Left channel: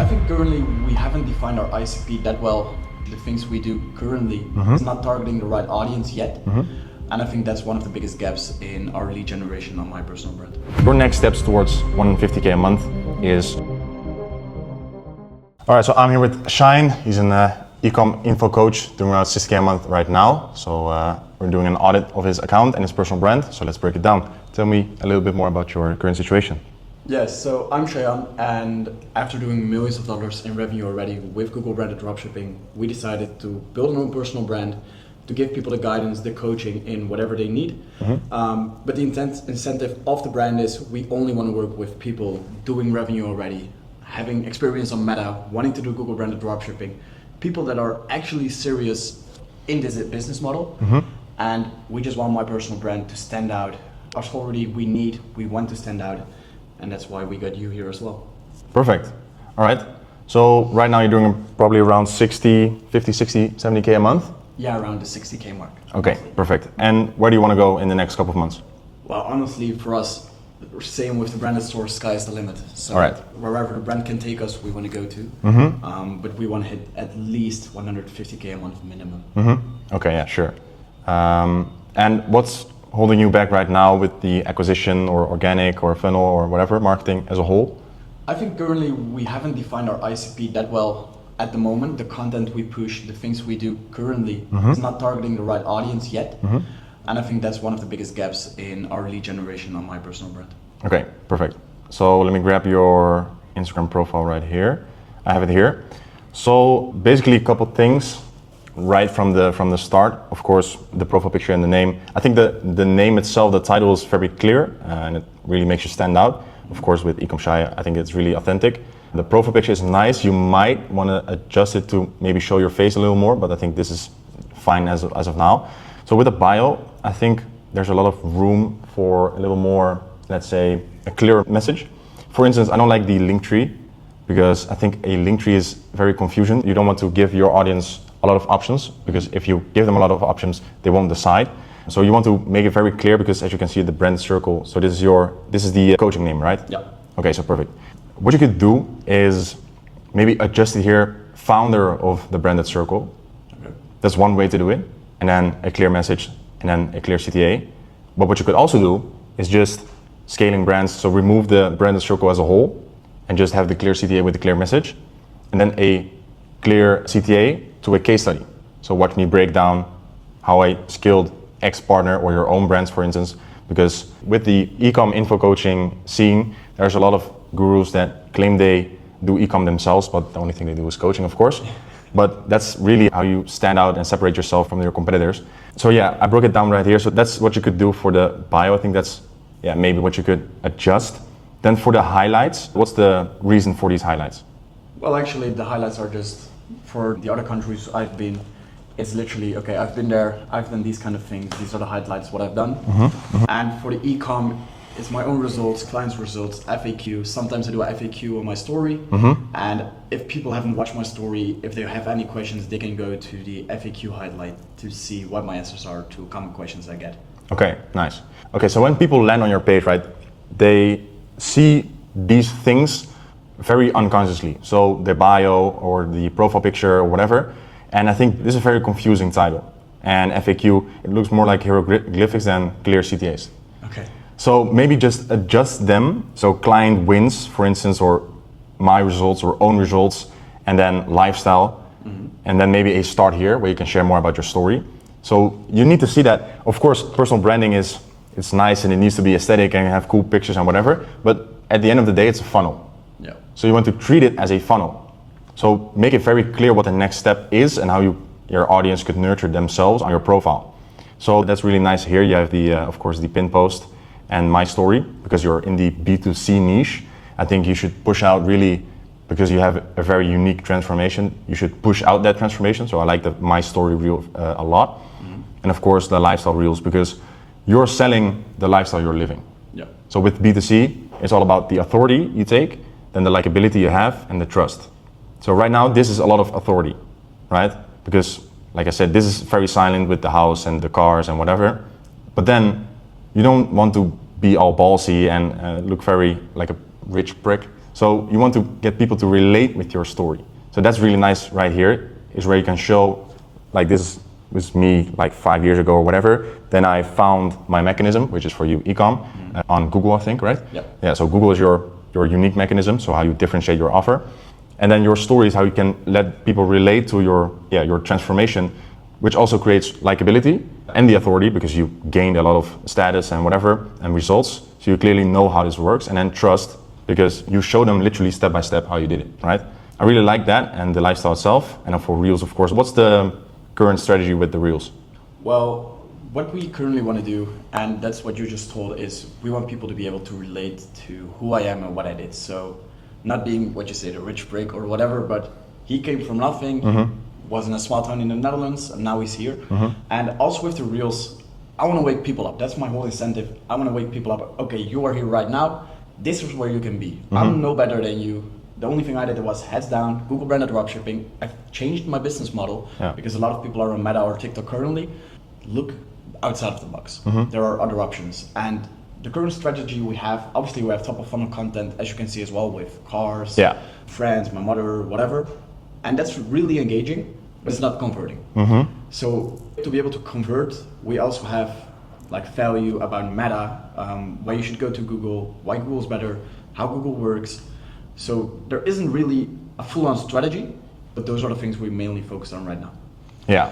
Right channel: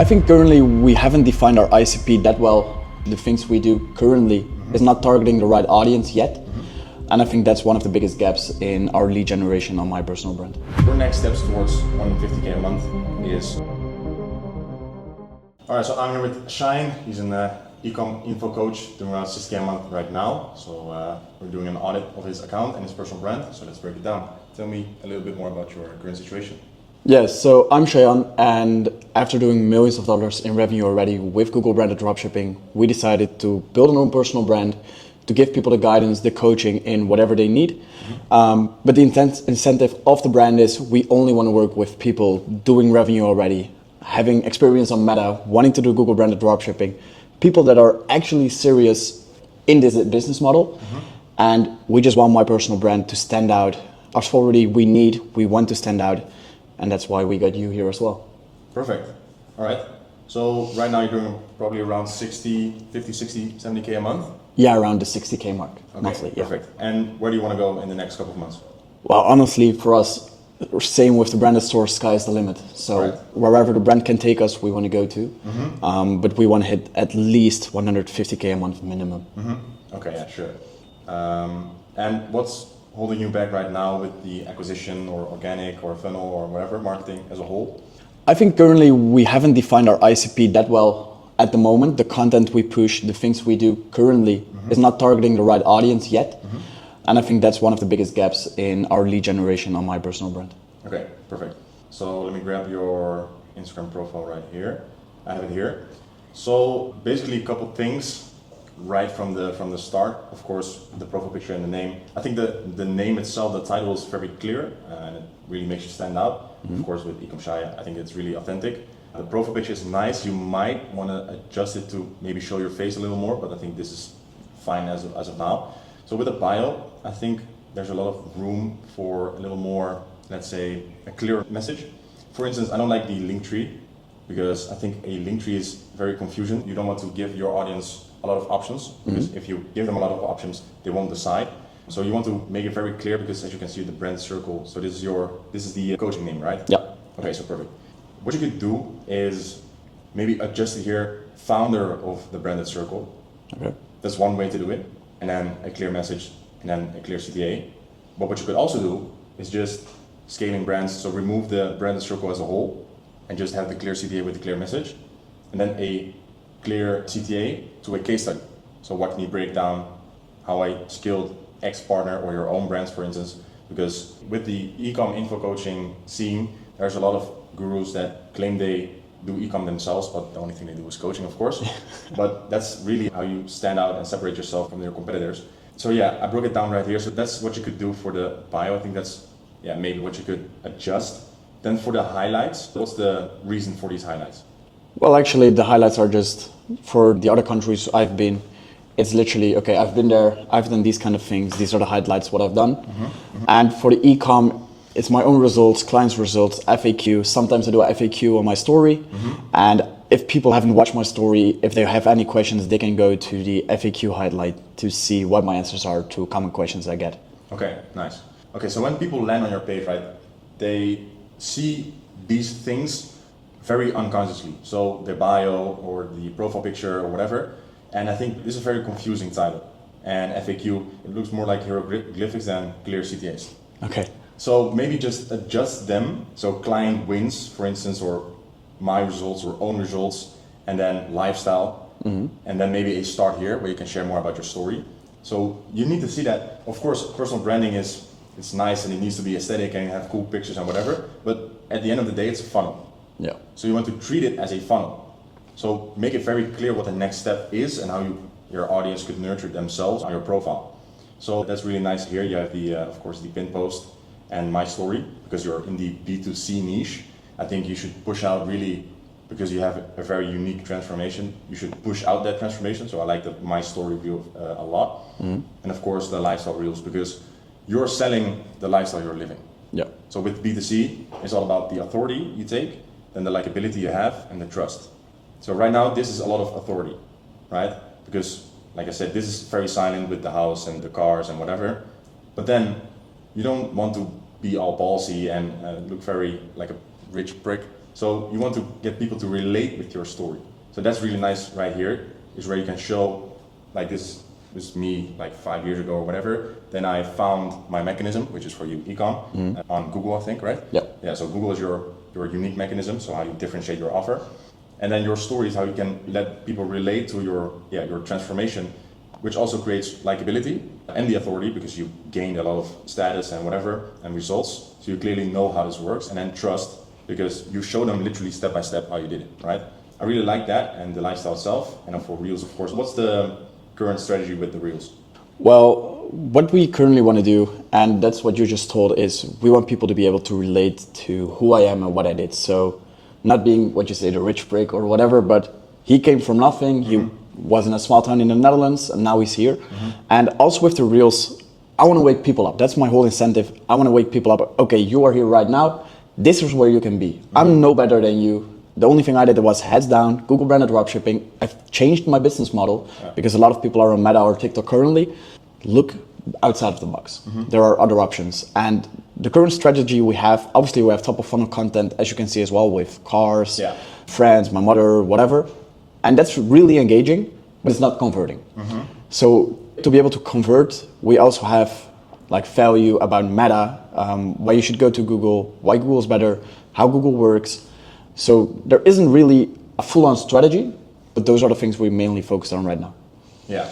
I think currently we haven't defined our ICP that well. The things we do currently is not targeting the right audience yet. And I think that's one of the biggest gaps in our lead generation on my personal brand. Your next steps towards 150K a month is... All right, so I'm here with Shine. He's an e-com info coach doing around 60K a month right now. So we're doing an audit of his account and his personal brand. So let's break it down. Tell me a little bit more about your current situation. Yes, so I'm Shayan, and after doing millions of dollars in revenue already with Google branded dropshipping, we decided to build our own personal brand to give people the guidance, the coaching in whatever they need. But the incentive of the brand is we only want to work with people doing revenue already, having experience on Meta, wanting to do Google branded dropshipping, people that are actually serious in this business model. And we just want my personal brand to stand out. Authority we want to stand out. And that's why we got you here as well. Perfect. All right. So right now you're doing probably around 50, 60, 70K a month? Yeah, around the 60K mark. Okay, mostly, perfect. And where do you want to go in the next couple of months? Well, honestly, for us, same with the branded store, sky's the limit. So wherever the brand can take us, we want to go to. But we want to hit at least 150K a month minimum. Okay, yeah, sure. And what's holding you back right now with the acquisition or organic or funnel or whatever, marketing as a whole? I think currently we haven't defined our ICP that well at the moment. The content we push, the things we do currently is not targeting the right audience yet. And I think that's one of the biggest gaps in our lead generation on my personal brand. Okay, perfect. So let me grab your Instagram profile right here. I have it here. So basically a couple things. Right from the start, of course, the profile picture and the name. I think the name itself, the title is very clear and it really makes you stand out. Of course, with Ecom Shy, I think it's really authentic. The profile picture is nice. You might want to adjust it to maybe show your face a little more, but I think this is fine as of now. So with a bio, I think there's a lot of room for a little more, let's say, a clearer message. For instance, I don't like the link tree because I think a link tree is very confusing. You don't want to give your audience a lot of options, because if you give them a lot of options, they won't decide. So you want to make it very clear, because as you can see, the brand circle. So this is the coaching name, right? Yeah. Okay, so perfect. What you could do is maybe adjust it here, founder of the branded circle. Okay. That's one way to do it. And then a clear message, and then a clear CTA. But what you could also do is just scaling brands. So remove the branded circle as a whole and just have the clear CTA with the clear message. And then a clear CTA to a case study. So watch me break down how I scaled X partner or your own brands, for instance, because with the e-com info coaching scene, there's a lot of gurus that claim they do e-com themselves, but the only thing they do is coaching, of course. But that's really how you stand out and separate yourself from your competitors. So yeah, I broke it down right here. So that's what you could do for the bio. I think that's maybe what you could adjust. Then for the highlights, what's the reason for these highlights? Well, actually, the highlights are just for the other countries I've been. It's literally, okay, I've been there, I've done these kind of things, these are the highlights, what I've done. And for the e-com, it's my own results, clients' results, FAQ. Sometimes I do a FAQ on my story. And if people haven't watched my story, if they have any questions, they can go to the FAQ highlight to see what my answers are to common questions I get. Okay, nice. Okay, so when people land on your page, right, they see these things very unconsciously. So the bio or the profile picture or whatever. And I think this is a very confusing title. And FAQ, it looks more like hieroglyphics than clear CTAs. Okay. So maybe just adjust them. So client wins, for instance, or my results or own results, and then lifestyle. And then maybe a start here where you can share more about your story. So you need to see that, of course, personal branding it's nice and it needs to be aesthetic and have cool pictures and whatever. But at the end of the day, it's a funnel. Yeah. So you want to treat it as a funnel. So make it very clear what the next step is and how your audience could nurture themselves on your profile. So that's really nice here. You have the, of course, the pin post and my story, because you're in the B2C niche. I think you should push out really, because you have a very unique transformation, you should push out that transformation. So I like the my story reel a lot. And of course the lifestyle reels, because you're selling the lifestyle you're living. Yeah. So with B2C, it's all about the authority you take, then the likability you have, and the trust. So right now, this is a lot of authority, right? Because, like I said, this is very silent with the house and the cars and whatever. But then, you don't want to be all ballsy and look very like a rich prick. So you want to get people to relate with your story. So that's really nice right here, is where you can show, like this was me like 5 years ago or whatever. Then I found my mechanism, which is for you e-com, on Google, I think, right? Yeah. Yeah, so Google is your unique mechanism, so how you differentiate your offer. And then your story is how you can let people relate to your transformation, which also creates likability and the authority, because you gained a lot of status and whatever and results. So you clearly know how this works, and then trust, because you show them literally step by step how you did it, right? I really like that, and the lifestyle itself. And then for Reels, of course, what's the current strategy with the Reels? Well, what we currently want to do, and that's what you just told, is we want people to be able to relate to who I am and what I did. So not being what you say, the rich prick or whatever, but he came from nothing. He was in a small town in the Netherlands, and now he's here. And also with the Reels, I want to wake people up. That's my whole incentive. I want to wake people up. Okay, you are here right now. This is where you can be. I'm no better than you. The only thing I did was heads down, Google branded dropshipping. I've changed my business model because a lot of people are on Meta or TikTok currently. Look outside of the box. There are other options. And the current strategy we have, obviously we have top of funnel content, as you can see as well, with cars, friends, my mother, whatever. And that's really engaging, but it's not converting. So to be able to convert, we also have like value about Meta, why you should go to Google, why Google is better, how Google works. So there isn't really a full-on strategy, but those are the things we mainly focus on right now. Yeah.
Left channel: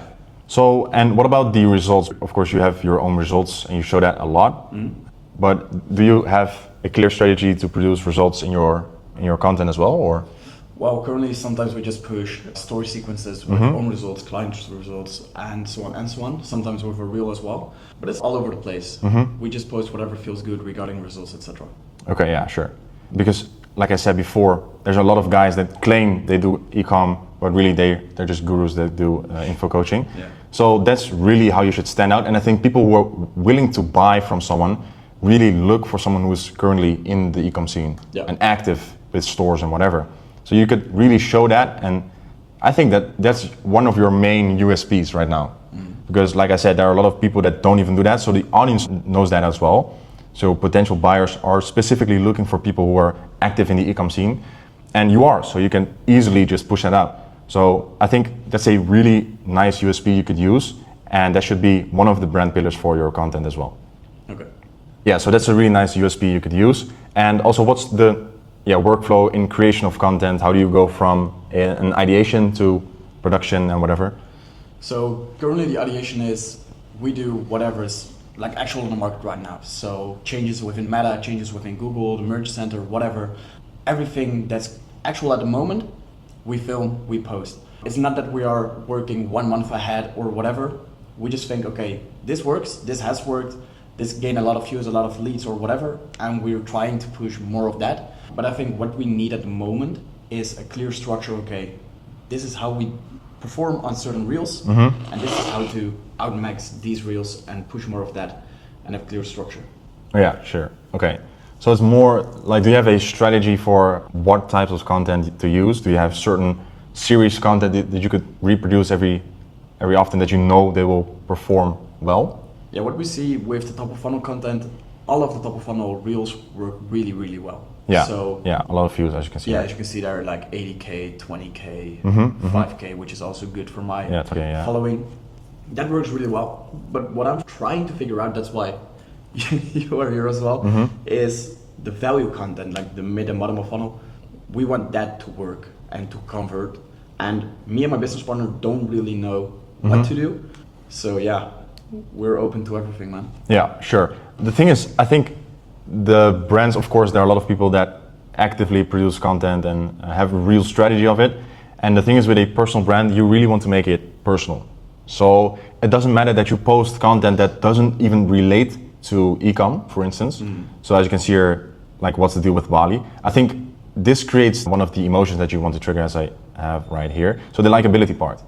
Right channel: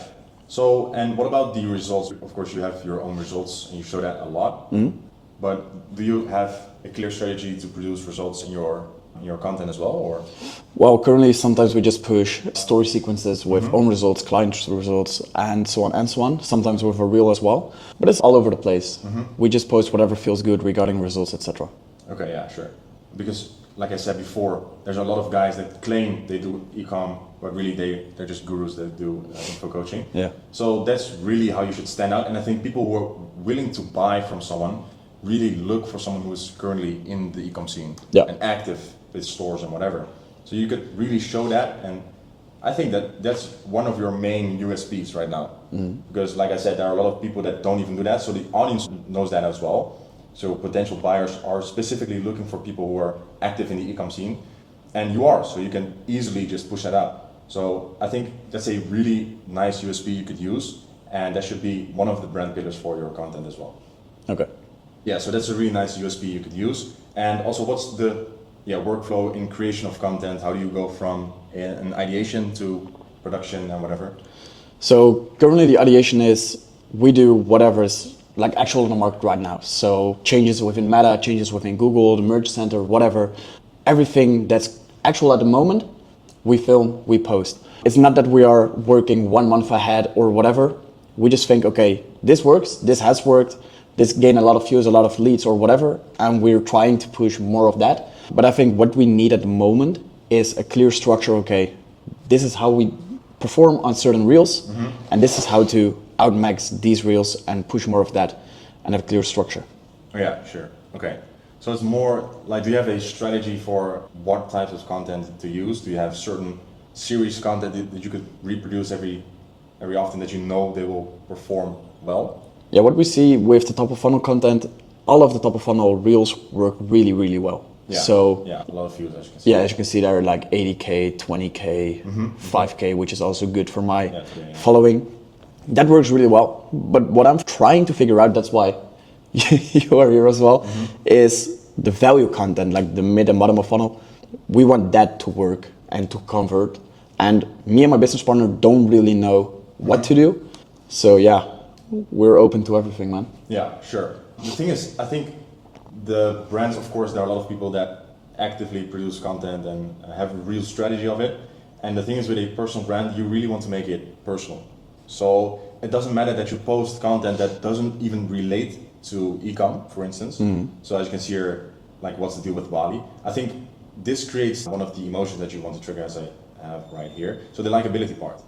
So, and what about the results? Of course, you have your own results and you show that a lot, but do you have a clear strategy to produce results in your content as well, or? Well, currently sometimes we just push story sequences with own results, client results, and so on and so on. Sometimes with a reel as well, but it's all over the place. We just post whatever feels good regarding results, etc. Okay, yeah, sure. Because like I said before, there's a lot of guys that claim they do e-com, but really they're just gurus that do info coaching. Yeah. So that's really how you should stand out. And I think people who are willing to buy from someone really look for someone who is currently in the e-com scene and active with stores and whatever. So you could really show that, and I think that that's one of your main USPs right now. Because like I said, there are a lot of people that don't even do that, so the audience knows that as well. So potential buyers are specifically looking for people who are active in the e-com scene, and you are, so you can easily just push that out. So I think that's a really nice USP you could use, and that should be one of the brand pillars for your content as well. Okay. Yeah, so that's a really nice USP you could use. And also, what's the workflow in creation of content? How do you go from an ideation to production and whatever? So currently the ideation is we do whatever is like actual in the market right now. So changes within Meta, changes within Google, the Merge Center, whatever. Everything that's actual at the moment, we film, we post. It's not that we are working 1 month ahead or whatever. We just think, okay, this works, this has worked, this gained a lot of views, a lot of leads or whatever, and we're trying to push more of that. But I think what we need at the moment is a clear structure. Okay, this is how we perform on certain reels, and this is how to outmax these reels and push more of that and have clear structure. Yeah, sure. Okay. So it's more like, do you have a strategy for what types of content to use? Do you have certain series content that you could reproduce every often that you know they will perform well? Yeah, what we see with the top of funnel content, all of the top of funnel reels work really, really well. Yeah. So yeah, a lot of views, as you can see. Yeah, as you can see, there are like 80K, 20K, 5K, which is also good for my following. That works really well. But what I'm trying to figure out, that's why you are here as well, is the value content, like the mid and bottom of funnel. We want that to work and to convert. And me and my business partner don't really know what to do. So yeah, we're open to everything, man. Yeah, sure. The thing is, I think the brands, of course, there are a lot of people that actively produce content and have a real strategy of it. And the thing is, with a personal brand, you really want to make it personal. So it doesn't matter that you post content that doesn't even relate to e-com, for instance. So as you can see here, like what's the deal with Bali? I think this creates one of the emotions that you want to trigger, as I have right here. So the likability part.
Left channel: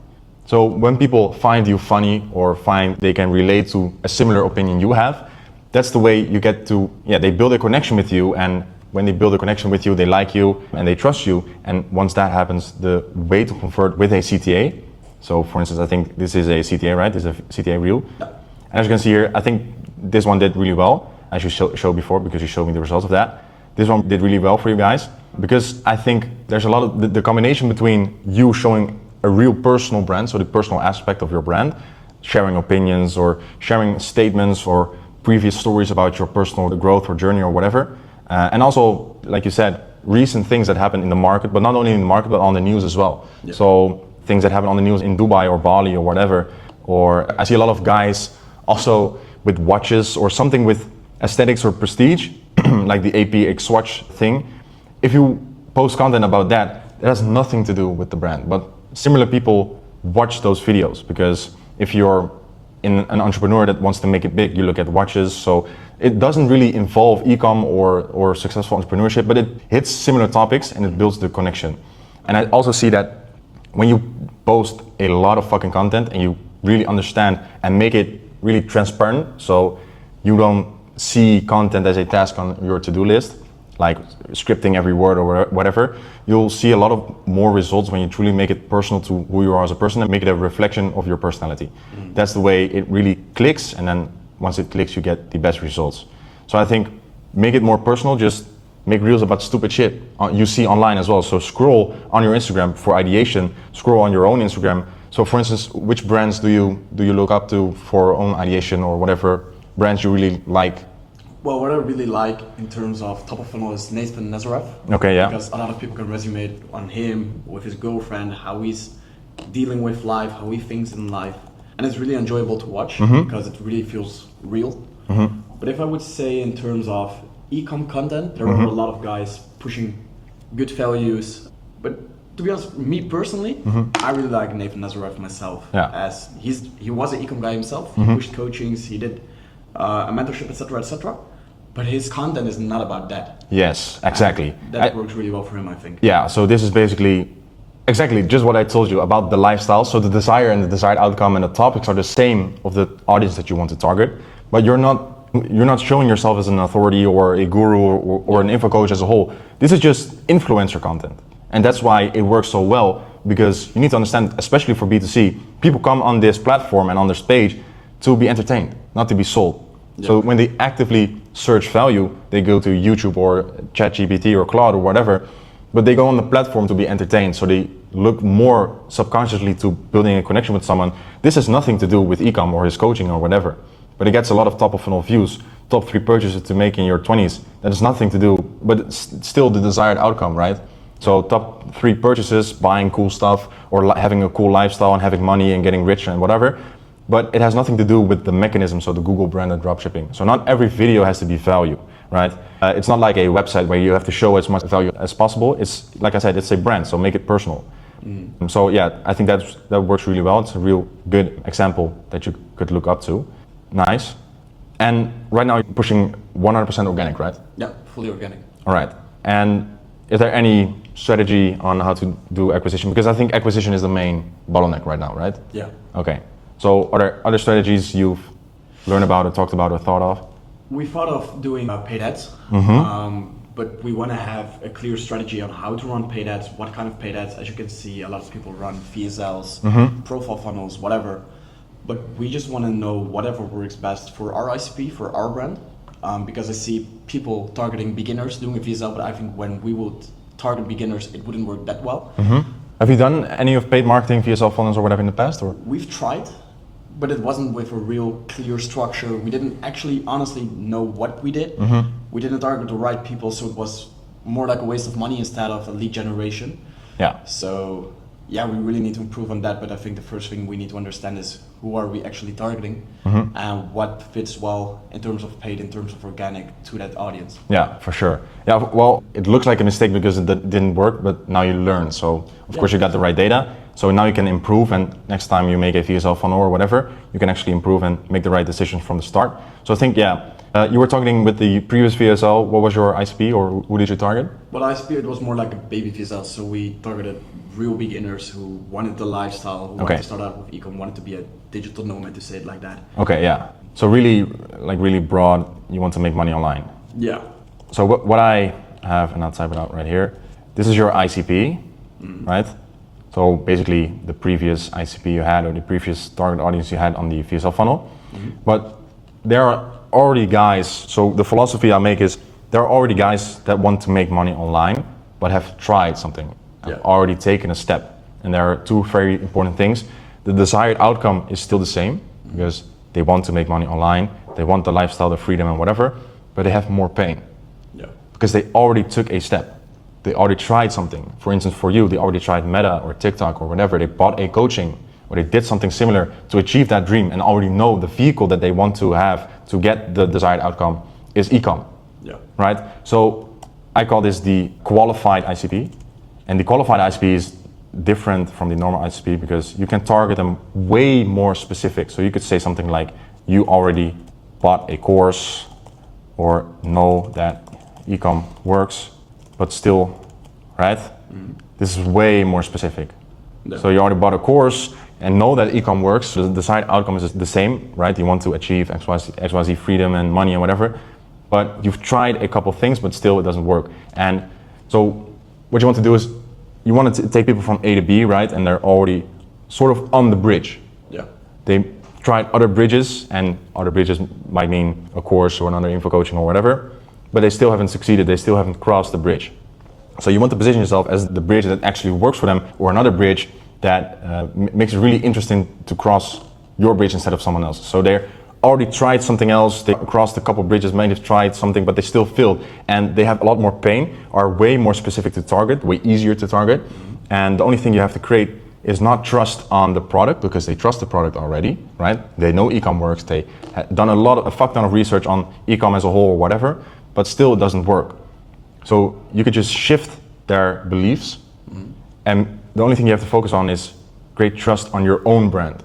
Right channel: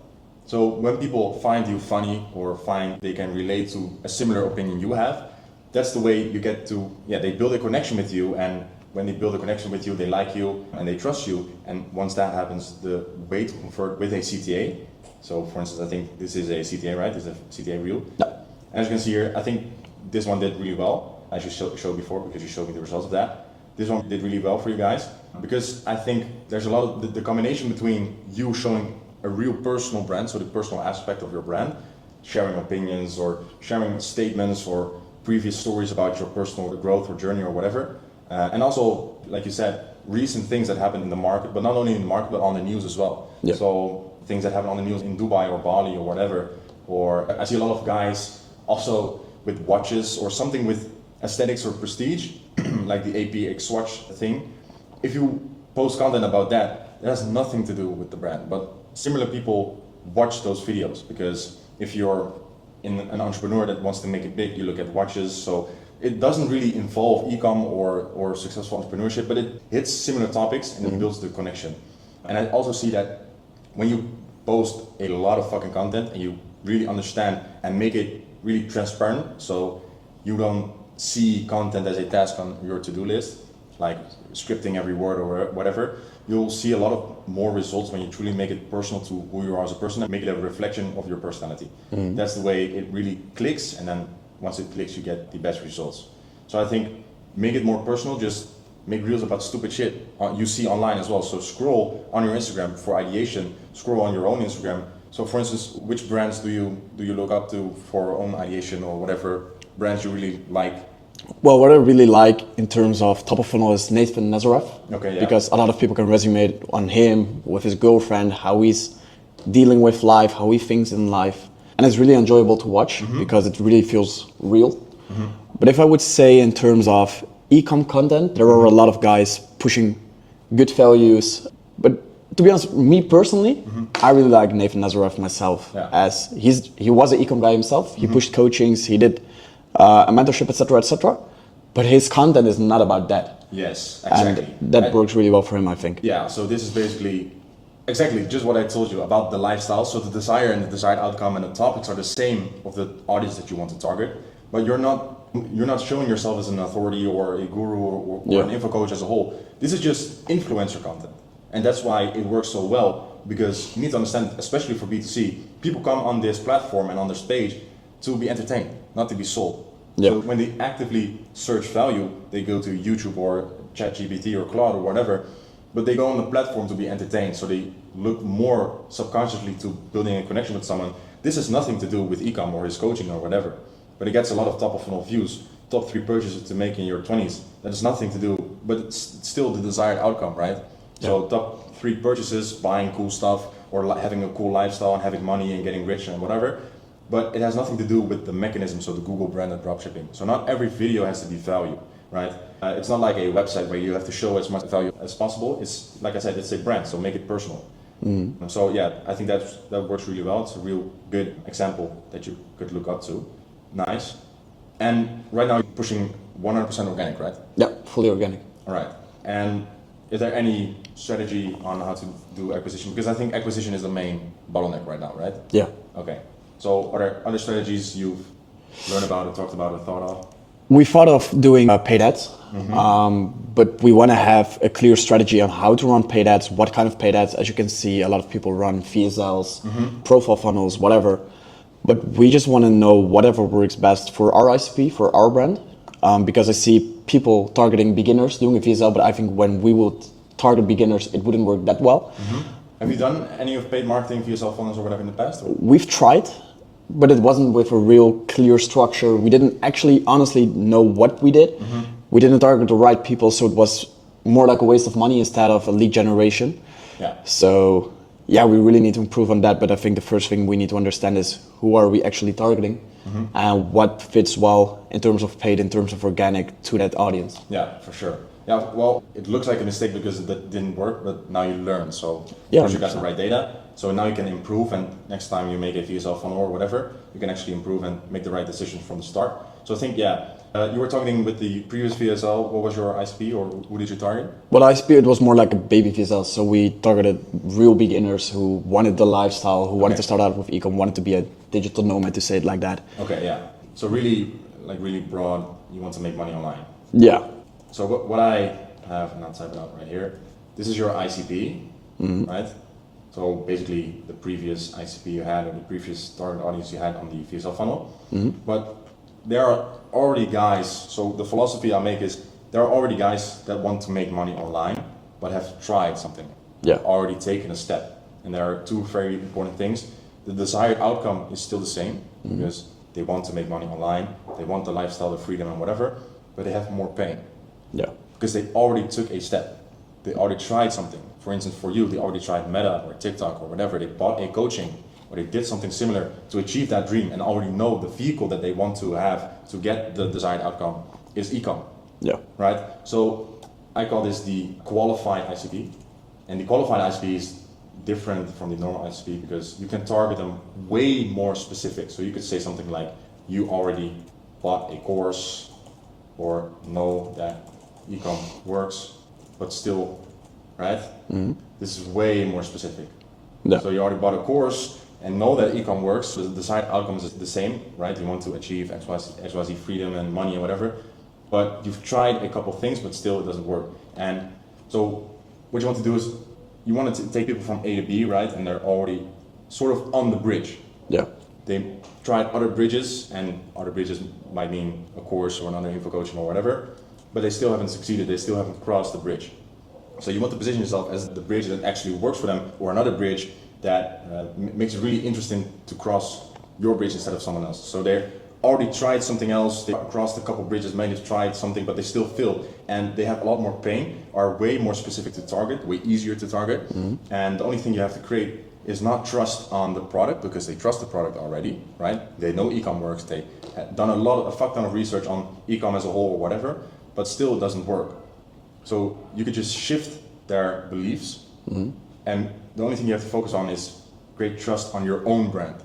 So when people find you funny or find they can relate to a similar opinion you have, that's the way you get to, they build a connection with you, and when they build a connection with you, they like you and they trust you. And once that happens, the way to convert with a CTA, so for instance, I think this is a CTA, right? This is a CTA reel. No. And as you can see here, I think this one did really well, as you showed before, because you showed me the results of that. this one did really well for you guys, because I think there's a lot of the combination between you showing a real personal brand, so the personal aspect of your brand, sharing opinions or sharing statements or previous stories about your personal growth or journey or whatever. And also, like you said, recent things that happen in the market, but not only in the market, but on the news as well. Yeah. So things that happen on the news in Dubai or Bali or whatever. Or I see a lot of guys also with watches or something with aesthetics or prestige, like the APX watch thing. If you post content about that, it has nothing to do with the brand. But similar people watch those videos, because if you're an entrepreneur that wants to make it big, you look at watches. So it doesn't really involve e-com or successful entrepreneurship, but it hits similar topics and it builds the connection. And I also see that when you post a lot of fucking content and you really understand and make it really transparent, so you don't see content as a task on your to-do list, like scripting every word or whatever, you'll see a lot of more results when you truly make it personal to who you are as a person and make it a reflection of your personality. That's the way it really clicks, and then once it clicks, you get the best results. So I think make it more personal, just make reels about stupid shit you see online as well. So scroll on your Instagram for ideation, scroll on your own Instagram. So for instance, which brands do you look up to for own ideation, or whatever brands you really like? Well, what I really like in terms of top of funnel is Nathan Nazareth. Okay, yeah. Because a lot of people can resume on him, with his girlfriend, how he's dealing with life, how he thinks in life. And it's really enjoyable to watch because it really feels real. But if I would say in terms of e-com content, there are a lot of guys pushing good values. But to be honest, me personally, I really like Nathan Nazareth myself. Yeah. As he was an e-com guy himself. He pushed coachings, he did a mentorship, etc., etc. But his content is not about that. Yes, exactly. And that works really well for him, I think. Yeah, so this is basically exactly just what I told you about the lifestyle. So the desire and the desired outcome and the topics are the same of the audience that you want to target, but you're not showing yourself as an authority or a guru or an info coach as a whole. This is just influencer content. And that's why it works so well, because you need to understand, especially for B2C, people come on this platform and on this page to be entertained, not to be sold. Yep. So when they actively search value, they go to YouTube or ChatGPT or Claude or whatever, but they go on the platform to be entertained. So they look more subconsciously to building a connection with someone. This has nothing to do with e-com or his coaching or whatever, but it gets a lot of top of funnel views, top 3 purchases to make in your 20s. That has nothing to do, but it's still the desired outcome, right? So top 3 purchases, buying cool stuff or having a cool lifestyle and having money and getting rich and whatever. But it has nothing to do with the mechanism, so the Google branded dropshipping. So not every video has to be value, right? It's not like a website where you have to show as much value as possible. It's, like I said, it's a brand, so make it personal. So yeah, I think that works really well. It's a real good example that you could look up to. Nice. And right now you're pushing 100% organic, right? Yeah, fully organic. All right. And is there any strategy on how to do acquisition? Because I think acquisition is the main bottleneck right now, right? Yeah. Okay. So are there other strategies you've learned about or talked about or thought of? We thought of doing paid ads, but we want to have a clear strategy on how to run paid ads, what kind of paid ads. As you can see, a lot of people run VSLs, profile funnels, whatever. But we just want to know whatever works best for our ICP, for our brand, because I see people targeting beginners doing a VSL, but I think when we would target beginners, it wouldn't work that well. Have you done any of paid marketing, VSL funnels or whatever in the past? Or? We've tried, but it wasn't with a real clear structure. We didn't actually honestly know what we did. We didn't target the right people, so it was more like a waste of money instead of a lead generation. Yeah. So yeah, we really need to improve on that, but I think the first thing we need to understand is who are we actually targeting and what fits well in terms of paid, in terms of organic to that audience. Yeah, for sure. Yeah, well, it looks like a mistake because it didn't work, but now you learn. So of course you got the right data. So now you can improve, and next time you make a VSL funnel or whatever, you can actually improve and make the right decisions from the start. So I think, you were targeting with the previous VSL. What was your ICP, or who did you target? Well, ICP, it was more like a baby VSL. So we targeted real beginners who wanted the lifestyle, who wanted to start out with ecom, wanted to be a digital nomad, to say it like that. Okay, yeah. So really broad, you want to make money online. Yeah. So what I have, and I'll type it out right here, this is your ICP, right? So basically the previous ICP you had, or the previous target audience you had on the VSL funnel. But there are already guys, so the philosophy I make is there are already guys that want to make money online, but have tried something, already taken a step. And there are two very important things. The desired outcome is still the same, because they want to make money online, they want the lifestyle, the freedom and whatever, but they have more pain. Because they already took a step. They already tried something. For instance, for you, they already tried Meta or TikTok or whatever. They bought a coaching or they did something similar to achieve that dream and already know the vehicle that they want to have to get the desired outcome is e-com. Right? So I call this the qualified ICP. And the qualified ICP is different from the normal ICP because you can target them way more specific. So you could say something like, you already bought a course or know that e-com works, but still, right? This is way more specific. So you already bought a course and know that e-com works, so the desired outcome is the same, right? You want to achieve XYZ freedom and money and whatever, but you've tried a couple things, but still it doesn't work. And so what you want to do is, you want to take people from A to B, right? And they're already sort of on the bridge. They tried other bridges, and other bridges might mean a course or another info coaching or whatever, but they still haven't succeeded, they still haven't crossed the bridge. So you want to position yourself as the bridge that actually works for them, or another bridge that makes it really interesting to cross your bridge instead of someone else. So they already tried something else, they crossed a couple bridges, maybe they've tried something, but they still failed, and they have a lot more pain, are way more specific to target, way easier to target, and the only thing you have to create is not trust on the product, because they trust the product already, right? They know e-com works, they have done a fuck ton of research on e-com as a whole or whatever, but still it doesn't work. So you could just shift their beliefs, and the only thing you have to focus on is create trust on your own brand.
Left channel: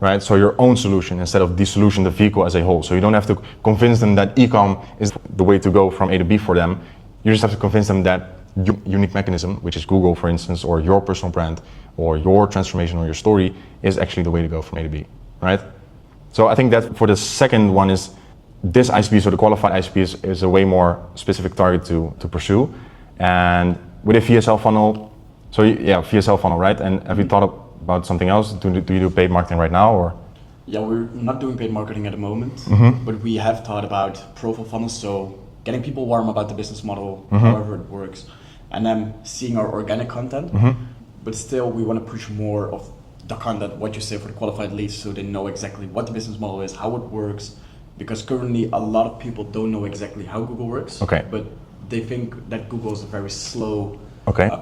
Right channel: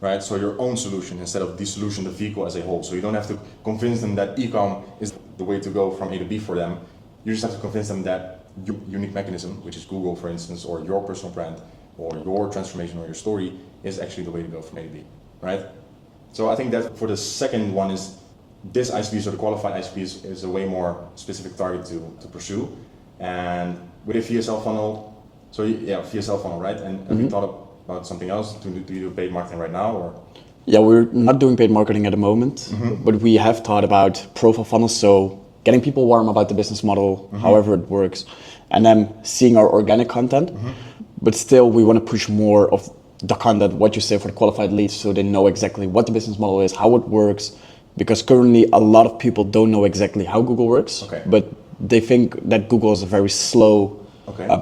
Right? So your own solution instead of the solution, the vehicle as a whole. So you don't have to convince them that e-com is the way to go from A to B for them. You just have to convince them that your unique mechanism, which is Google, for instance, or your personal brand, or your transformation or your story is actually the way to go from A to B, right? So I think that for the second one is this ICP, so the qualified ICP is a way more specific target to pursue. And with a VSL funnel, so yeah, VSL funnel, right? And have you thought about something else? Do you do paid marketing right now, or? Yeah, we're not doing paid marketing at the moment, but we have thought about profile funnels, so getting people warm about the business model, however it works, and then seeing our organic content. But still, we want to push more of the content, what you say, for the qualified leads, so they know exactly what the business model is, how it works, because currently a lot of people don't know exactly how Google works, but they think that Google is a very slow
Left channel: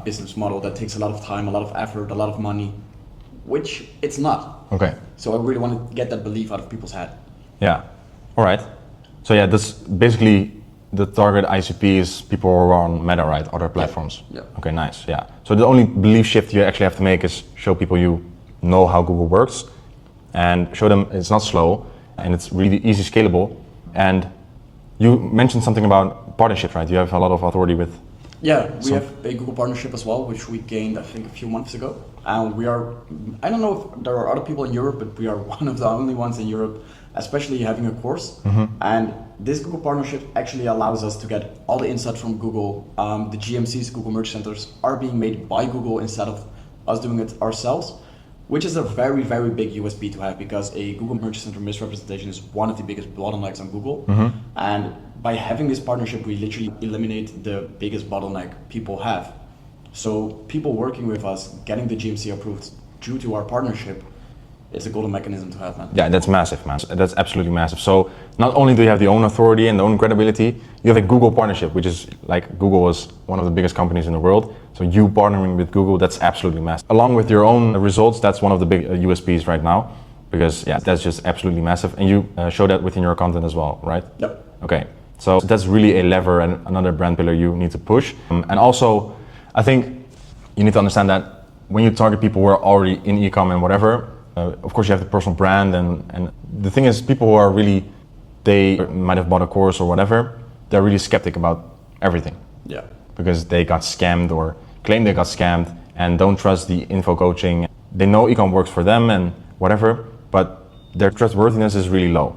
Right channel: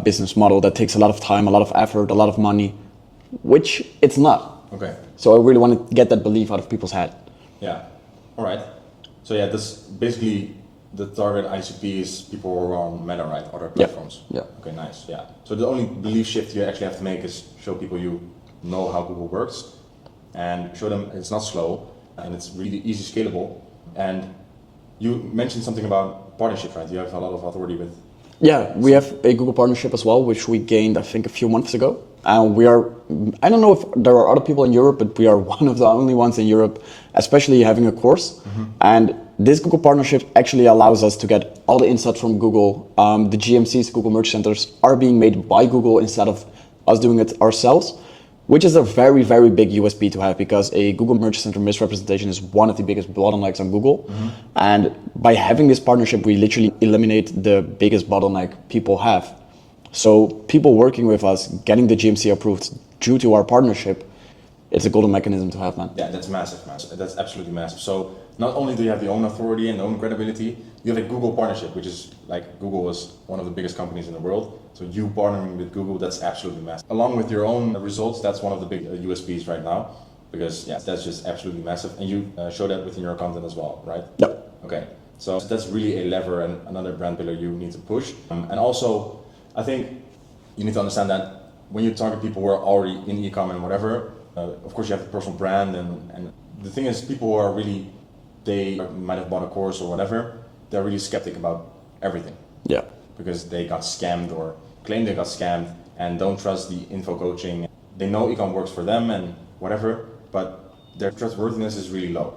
business model that takes a lot of time, a lot of effort, a lot of money, which it's not. So I really want to get that belief out of people's head. Yeah, all right. So yeah, that's basically the target ICP is people who are on Meta, right? Other platforms. Okay, nice, yeah. So the only belief shift you actually have to make is show people you know how Google works and show them it's not slow and it's really easy scalable. And you mentioned something about partnerships, right? You have a lot of authority with. Yeah, we have a Google partnership as well, which we gained, I think, a few months ago. And we are, I don't know if there are other people in Europe, but we are one of the only ones in Europe, especially having a course. And this Google partnership actually allows us to get all the insights from Google. The GMCs, Google Merch Centers, are being made by Google instead of us doing it ourselves, which is a very, very big USP to have, because a Google Merch Center misrepresentation is one of the biggest bottlenecks on Google. And by having this partnership, we literally eliminate the biggest bottleneck people have. So people working with us, getting the GMC approved due to our partnership, it's a golden mechanism to have, man. Yeah, that's massive, man. That's absolutely massive. So not only do you have the own authority and the own credibility, you have a Google partnership, which is like Google is one of the biggest companies in the world. So you partnering with Google, that's absolutely massive. Along with your own results, that's one of the big USPs right now, because yeah, that's just absolutely massive. And you show that within your content as well, right? Yeah. Okay, so that's really a lever and another brand pillar you need to push. And also, I think you need to understand that when you target people who are already in e-com and whatever, of course you have the personal brand, and the thing is, people who are really, they might have bought a course or whatever, they're really skeptic about everything. Yeah. Because they got scammed or claim they got scammed and don't trust the info coaching. They know e-com works for them and whatever, but their trustworthiness is really low.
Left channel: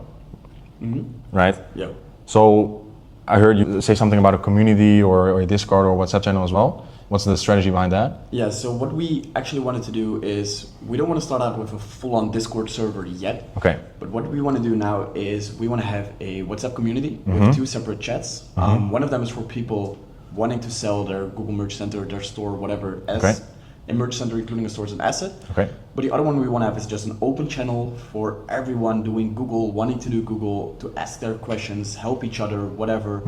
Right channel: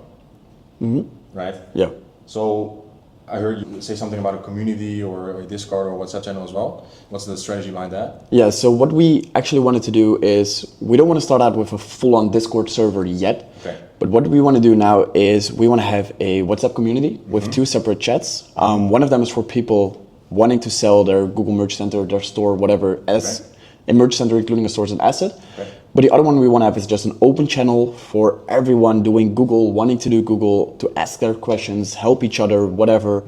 Right? Yeah. So I heard you say something about a community or a Discord or WhatsApp channel as well. What's the strategy behind that? Yeah, so what we actually wanted to do is we don't want to start out with a full-on Discord server yet. Okay. But what we want to do now is we want to have a WhatsApp community with 2 separate chats. One of them is for people wanting to sell their Google Merch Center, their store, whatever, as a Merch Center, including a store as an asset. Okay. But the other one we want to have is just an open channel for everyone doing Google, wanting to do Google, to ask their questions, help each other, whatever,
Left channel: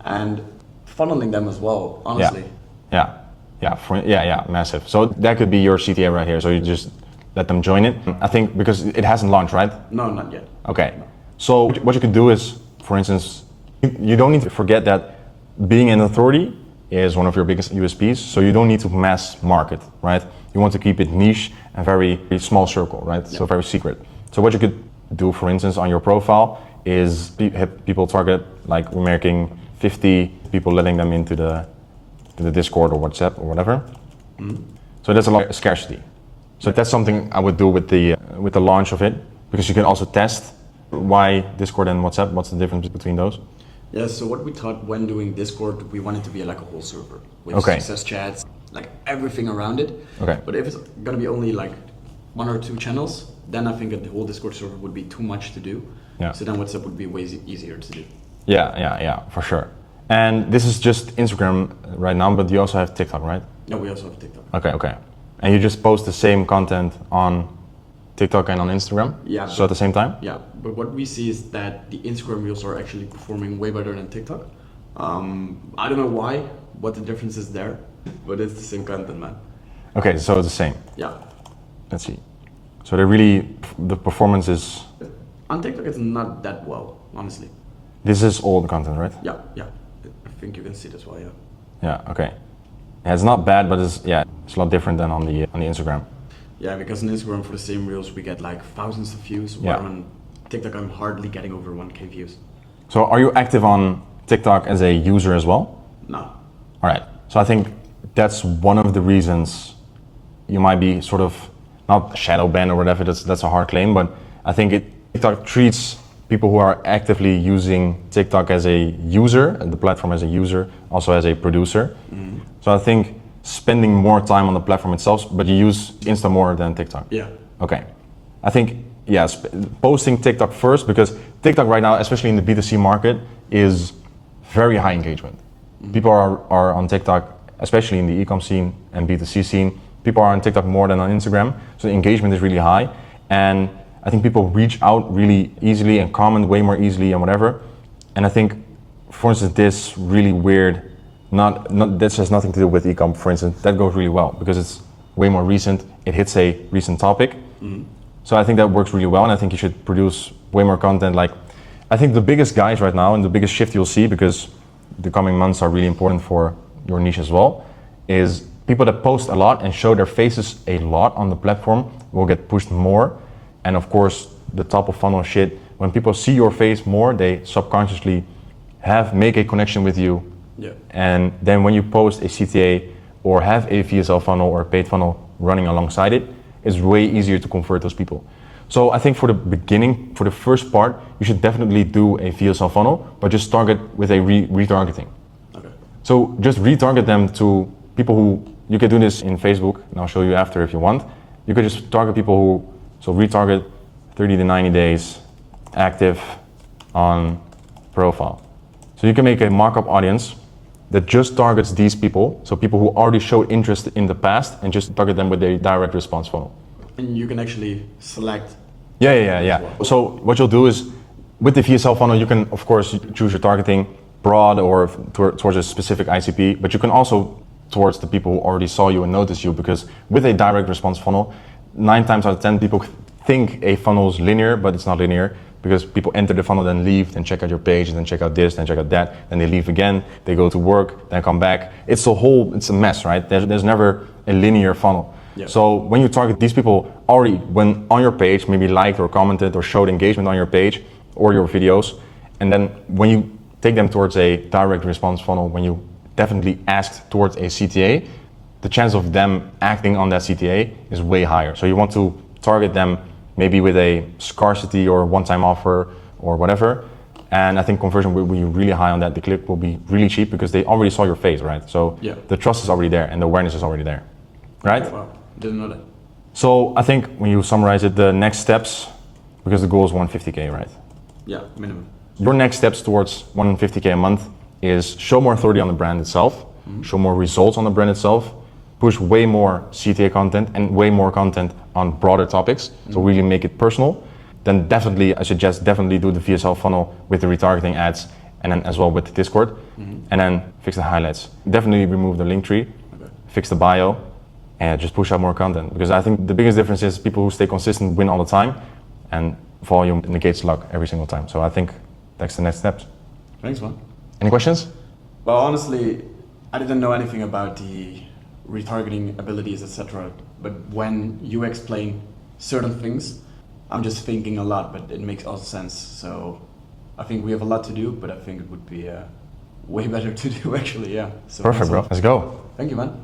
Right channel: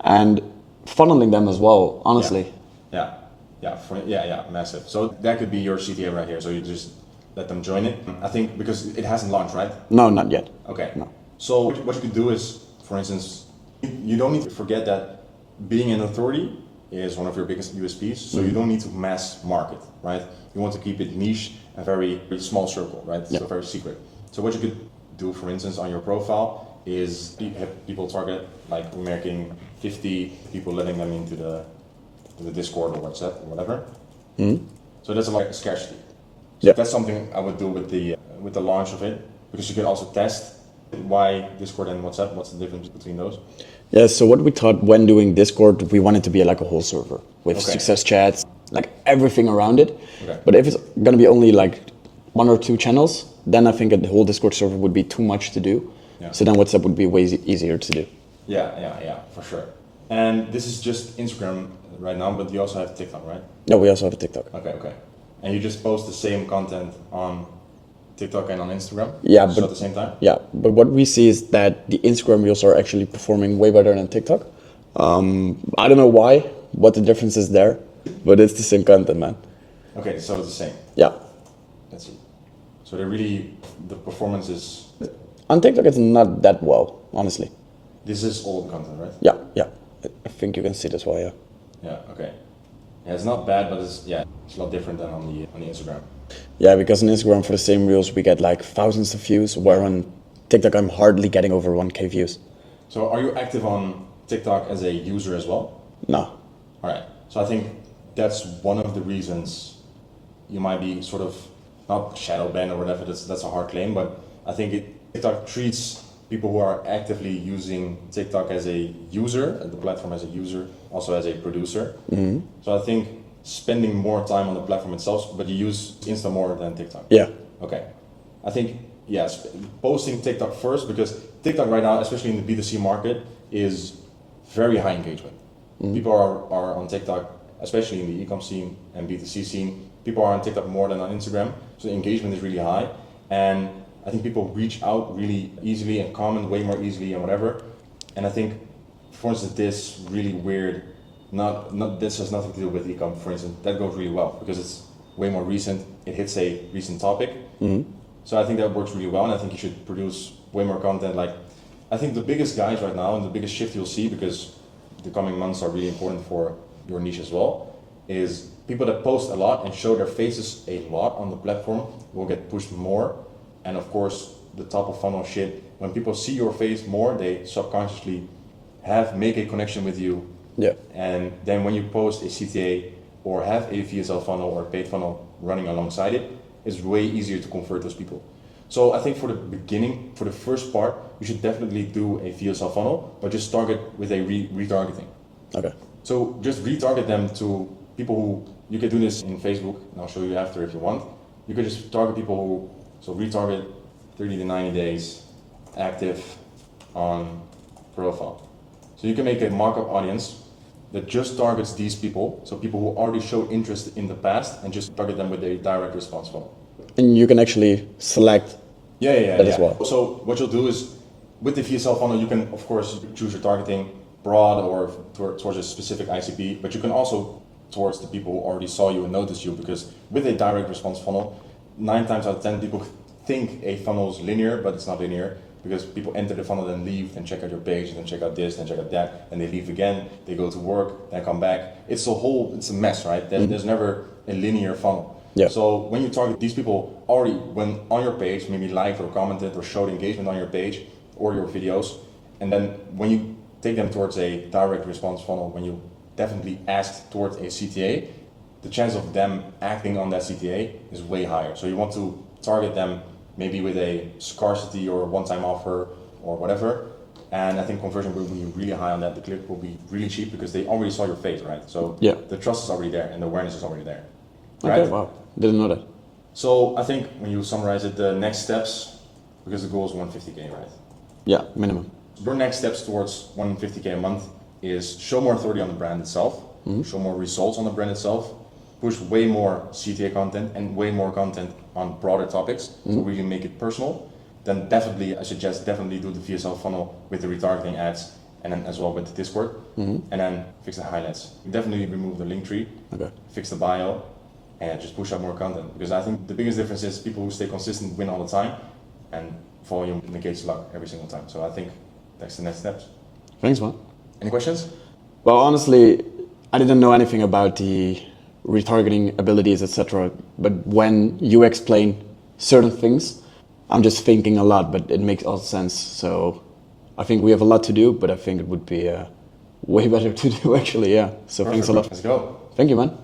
and funneling them as well, honestly. Yeah, massive. So that could be your CTA right here. So you just let them join it. I think because it hasn't launched, right? No, not yet. Okay. No. So what you could do is, for instance, you don't need to forget that being an authority is one of your biggest USPs. So you don't need to mass market, right? You want to keep it niche and very small circle, right? So very secret. So what you could do, for instance, on your profile is have people target, like we're making 50 people, letting them into the Discord or WhatsApp or whatever. So that's a lot of scarcity. So that's something I would do with the launch of it, because you can also test why Discord and WhatsApp. What's the difference between those? Yeah, so what we thought when doing Discord, we wanted to be like a whole server with success chats, like everything around it. Okay. But if it's gonna be only like 1 or 2 channels, then I think a whole Discord server would be too much to do. Yeah. So then WhatsApp would be way easier to do. Yeah, for sure. And this is just Instagram right now, but you also have TikTok, right? No, we also have a TikTok. Okay. And you just post the same content on TikTok and on Instagram? Yeah. So at the same time? Yeah, but what we see is that the Instagram reels are actually performing way better than TikTok. I don't know why, what the difference is there, but it's the same content, man. Okay, so it's the same. Yeah. Let's see. So the performance is... On TikTok, it's not that well, honestly. This is old content, right? Yeah. I think you can see this well, yeah. Yeah, okay. Yeah, it's not bad, but it's a lot different than on the Instagram. Yeah, because on Instagram for the same reels we get like thousands of views, while on TikTok I'm hardly getting over 1K views. So are you active on TikTok as a user as well? No. All right. So I think that's one of the reasons you might be sort of not shadow banned or whatever. That's a hard claim, but I think TikTok treats people who are actively using TikTok as a user, the platform as a user, also as a producer. So I think spending more time on the platform itself, but you use Insta more than TikTok. Yeah. Okay. I think, yes, posting TikTok first, because TikTok right now, especially in the B2C market, is very high engagement. People are on TikTok, especially in the e-com scene and B2C scene. People are on TikTok more than on Instagram, so the engagement is really high. And I think people reach out really easily and comment way more easily and whatever. And I think, for instance, this really weird, this has nothing to do with e-com, for instance, that goes really well because it's way more recent. It hits a recent topic. So I think that works really well, and I think you should produce way more content. Like, I think the biggest guys right now and the biggest shift you'll see, because the coming months are really important for your niche as well, is people that post a lot and show their faces a lot on the platform will get pushed more. And of course, the top of funnel shit, when people see your face more, they subconsciously make a connection with you. Yeah. And then when you post a CTA or have a VSL funnel or a paid funnel running alongside it, it's way easier to convert those people. So I think for the beginning, for the first part, you should definitely do a VSL funnel, but just target with a retargeting. Okay. So just retarget them to people who, you can do this in Facebook, and I'll show you after if you want. You could just target people who, so retarget 30 to 90 days active on profile. So you can make a markup audience that just targets these people, so people who already showed interest in the past, and just target them with a direct response funnel. And you can actually select. Yeah. Well. So what you'll do is, with the VSL funnel, you can of course choose your targeting broad or towards a specific ICP, but you can also towards the people who already saw you and noticed you, because with a direct response funnel, 9 times out of 10 people think a funnel is linear, but it's not linear, because people enter the funnel, then leave, then check out your page, then check out this, then check out that, then they leave again, they go to work, then come back. It's a mess, right? There's never a linear funnel. Yeah. So when you target these people already, when on your page, maybe liked or commented or showed engagement on your page or your videos, and then when you take them towards a direct response funnel, when you definitely ask towards a CTA, the chance of them acting on that CTA is way higher. So you want to target them maybe with a scarcity or one-time offer or whatever, And I think conversion will be really high on that. The click will be really cheap because they already saw your face, right? So Yeah. the trust is already there and the awareness is already there, right? Okay, wow, didn't know that. So I think when you summarize it, the next steps, because the goal is 150K, right? Yeah, minimum. Your next steps towards 150K a month is show more authority on the brand itself, show more results on the brand itself, push way more CTA content and way more content on broader topics, so really make it personal. Then definitely, I suggest definitely do the VSL funnel with the retargeting ads and then as well with the Discord, and then fix the highlights. Definitely remove the link tree, fix the bio, and just push out more content. Because I think the biggest difference is people who stay consistent win all the time, and volume negates luck every single time. So I think that's the next steps. Thanks, man. Any questions? Well, honestly, I didn't know anything about the retargeting abilities, etc. But when you explain certain things, I'm just thinking a lot, but it makes all sense. So I think we have a lot to do, but I think it would be way better to do actually, yeah. So Perfect, thanks a bro. lot. Let's go. Thank you, man.